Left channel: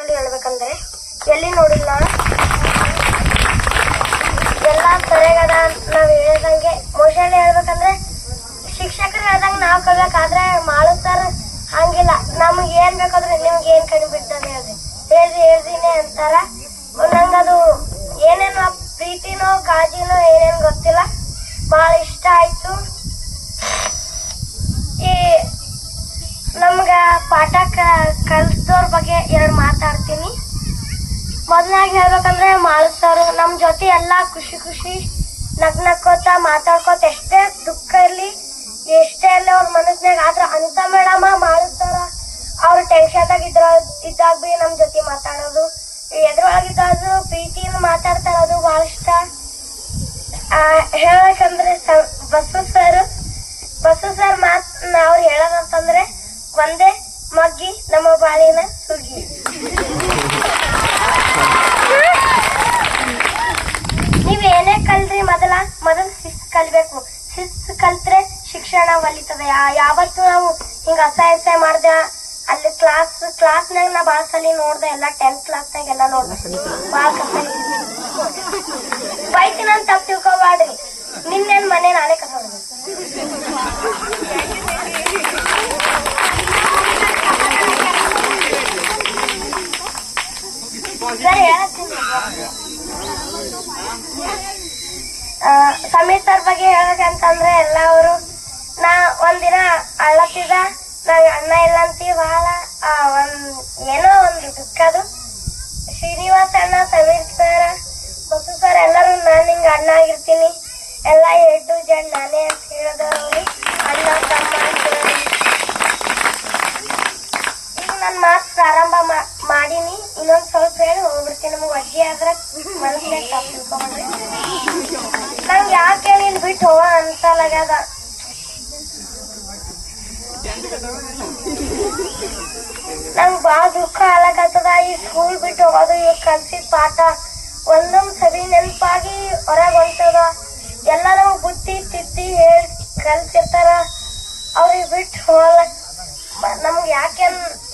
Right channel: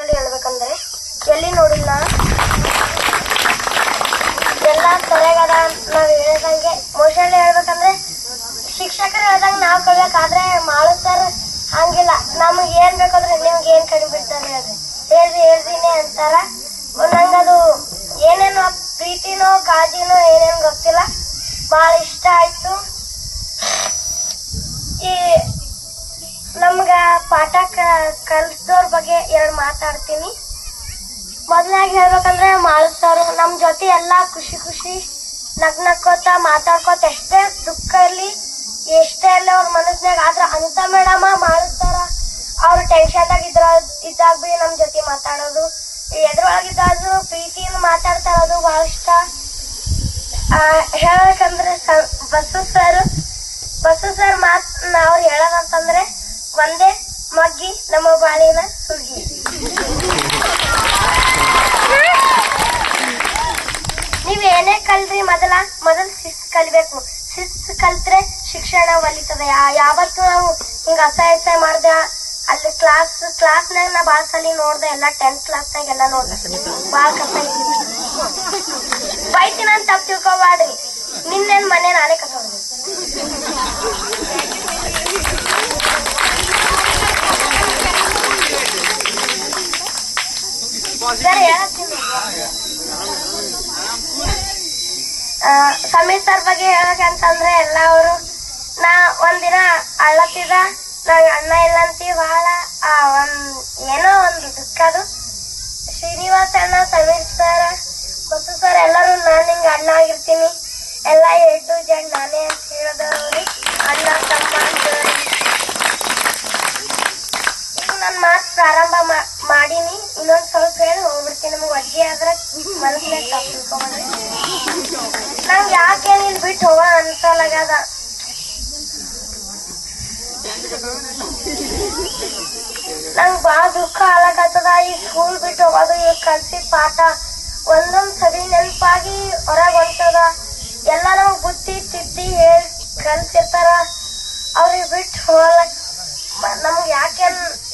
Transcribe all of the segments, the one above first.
Actually ಹೇಳ್ಬೇಕಂದ್ರೆ ಎಲ್ಲಿ ನೋಡಿಲ್ಲ ಎಲ್ಲ ಸರಿಯಾಗದ. ನಾವ್ ಹೇಳ್ದಂಗೆ ಮೋಸ್ಟ್ಲಿ ಹೇಳ್ಬೇಕಂದ್ರೆ ಶಿಕ್ಷಕರು ಹೇಳ್ದಂಗೆ ನಾವ್ ಕಲಿಬೇಕಾದ್ರೆ ಮಾಡು ಸರ್ ಹಂಗಿಲ್ಲ. ನಮ್ಗೆ ಏನ್ ಬೇಕಾದ್ರೆ ನಿಮ್ಗೆ ಏನ್ ಕಡಿಮೆ ಬಿಡ್ತಾರೆ ಹೇಳ್ತೀನಿ ಅಂತಾರ. ನಂಗದು ಏನೇನು ಪ್ರೀತಿನೋ ಕಾಳಜಿನೋ ಏನೇನು ಗೊತ್ತಿಲ್ಲ, ಬಹಳ ಇಷ್ಟ ಆಯ್ತು. ಈ ನಮ್ಗ ಪಾಠ ಕಲ್ಸೋರ್ ಬಗ್ಗೆ ಎರಡು ಮಾತಾಡ್ತೀನಿ. ಮೊದಲಾಗಿ ಹೇಳ್ಬೇಕಂದ್ರೆ ಮಾಳು ಸರ್ ನಮ್ ಜೊತೆ ಎಲ್ಲಾ ಖುಷಿ ನಕ್ಕೋತ ಮಾತಾಡ್ಕೋತ ಎಷ್ಟೇ ದುಃಖ ಇರ್ಲಿ ಎಷ್ಟೇ ಇರ್ಲಿ ಅವ್ರ ಮನಸ್ನಾಗ ಆದ್ರ ಅಂತ ಮೇಡಮ ಮಾಳು ಸರ ಅವ್ರ ಟೆನ್ಷನ್ ಇದ್ದಾಗ ಬಿ ನಮ್ ಜೊತೆ ಮಾತಾಡೋದು, ಎದ್ರೊಳಗಿದ್ದಾದ್ರು ಪ್ರೀತಿಯಿಂದ ಮಾತಾಡ್ತಾ ಇರೋದು ಬಹಳ ಇಷ್ಟ. ಹೇಳ್ಬೇಕಂದ್ರೆ ಬಸ್ಸು ಸರ್ ಮಾತ್ ಅವ್ರು ಹೇಳೋದಂತಂದ್ರೆ ಒಂದೇ ಮಗ್ಗಿ ನಮ್ಮ ಬಾಳಿನ ಸುಗ್ಗಿ. ನೀವ್ ಏನೇ ಕಲ್ರಿ ಮೊದಲು ಶಿಸ್ತು ಕಲಿಬೇಕು. ಶಿಸ್ತು ಕಲ್ತ್ರೆ ಶಿಕ್ಷಣ ಒಲಿತದೆ. ಯಾವತ್ತು ನಾವು ಹಿಂಗ ಅಸಹ್ಯ ಮಾಡ್ದೆ ಅಲ್ಲಿ ಕ್ಲಾಸ್ನಾಗ ನಾ ಬಾಳ ಸಲ ನೋಡ್ದೆ, ಎಲ್ಲ 10th ಕ್ಲಾಸ್ನಾಗ ಎಲ್ಲ ನೋಡ್ದೆ. ಬಾಳ ಕಸ ಬೈತೀನಿ ಅಂತ ತಪ್ಪು ತಿಳ್ಕೊಬ್ಯಾಡ್ರಿ. ನಿನ್ನೇನ್ ಮನೆ ನಾನೇ ಕಸ ಸರಿ ಹೇಳ್ತೀನಿ. ಸಮೀರ್ ಸರ್ ಬಗ್ಗೆ ಹೇಳ್ಬೇಕಂತಂದ್ರೆ ಎಲ್ಲ ಅವರು ಒಂದಿನ ಅಳ್ಳತ್ತಿದ ನಾವ್ ಅಣ್ಣ ಇಲ್ಲ ಅಂತೀವಿ ಬಹಳ ಏನೋ ಒಂದು ದುಃಖದು. ಶ್ರೀನಿವಾಸ್ ಅಣ್ಣ, ಸಮೀರ್ ಸರ್, ಬಸ್ಸು ಸರ್ ಎಲ್ಲರೂ ನಾನ್ ಹಿಂಗ ಅಣ್ಣ ಆಗಿರ್ತೀನಿ, ಎಲ್ಲ ಎದ್ದು ಜಡ್ ನಾನೇ ಅಂತ ಹೇಳಿದವ್ರಿ ಅಣ್ಣ ತಮ್ಮ ಅಂತ. ಈಗ ನನ್ ಮಾತು ಪ್ರಾರಂಭ ಮಾಡೀನಿ, ಇನ್ನೊಂದ್ ಸ್ವಲ್ಪ ಹೇಳಿ ಹೋಗ್ಬಿಡ್ತೀನಿ. ನಮ್ಗೆ ಅಜ್ಜಿ ಆದ್ರ ಮನಸ್ಸಿನಾಗ ತಪ್ಪು ತಿಳ್ಕೊಂಡ್ರಿ. ನಂಗೆ ಯಾಕೆ ನೀನ್ ಬಿಟ್ಟು ಹೋಗ ಅನ್ಸಲಾಗದ. ನಂಗ್ ಬಾಳ ದುಃಖ ಆಗ್ಲಕತ್ತದ. ಈ ಸ್ಕೂಲ್ ಬಿಟ್ಟು ಹೋಗೋದು, ಇವ್ ಕಲ್ಸಿದ ಪಾಠ ಒಂದೊಂದ್ ಸರಿ ನೆನಪಾಗಿ ಹೊರಗ್ ಹೊಂಟದ. ಎಲ್ಲಾರು ಬುದ್ಧಿ ತಿದ್ದಿ ಹೇಳಿ ಕಲ್ಸಿರ್ತಾರ, ಅವ್ರಿಗೆ ಬಿಟ್ಟು ಹೋಗ್ಲಕ್ ನಮ್ಗೆ ಯಾಕೆ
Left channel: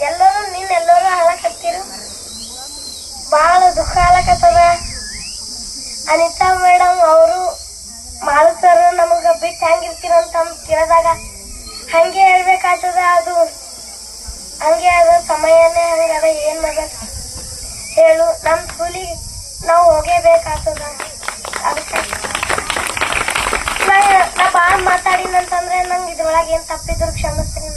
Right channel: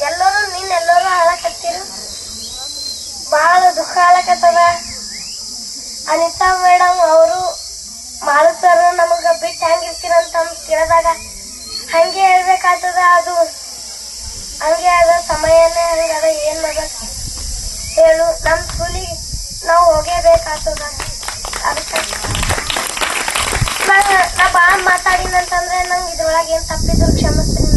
ಎಲ್ಲರೂ ಎಲ್ಲರೂ ಹಾಳಕತ್ತೀರ. ಬಾಳ ದುಃಖ ಆಗ್ಲಕತ್ತದ. ಅನಿತಾ ಮೇಡಮ್ ಅವರು ಮಾಳು ಸರ್ ನಮಗ ಬಿಟ್ಟು ಹೆಂಗಿರ್ತೀರಂತ ಕೇಳಿದಾಗ ಹಂಗೆ ಹೇಳ್ಬೇಕಾಗ್ತದ. ಅದು ಹಂಗೆ ಅದ, ಸಮಯನೇ ಹಂಗದ. ಏನ್ ಮಾಡ್ಬೇಕು ಹೇಳು, ನಮ್ ಸ್ಕೂಲಿಗೆ ನಾವು ಹೋಗೇಬೇಕಾಗ್ತದ. ಅದಕ್ಕೆ ನಾ ಬಾಳ್ ಮಾತಾಡಿನಂತಂದ್ರೆ ನಂಗೆ ಇದ್ರೊಳಗೆ ಏನ್ ತಪ್ಪಿದ್ರು ಕ್ಷಮಿಸ್ತೀನಿ.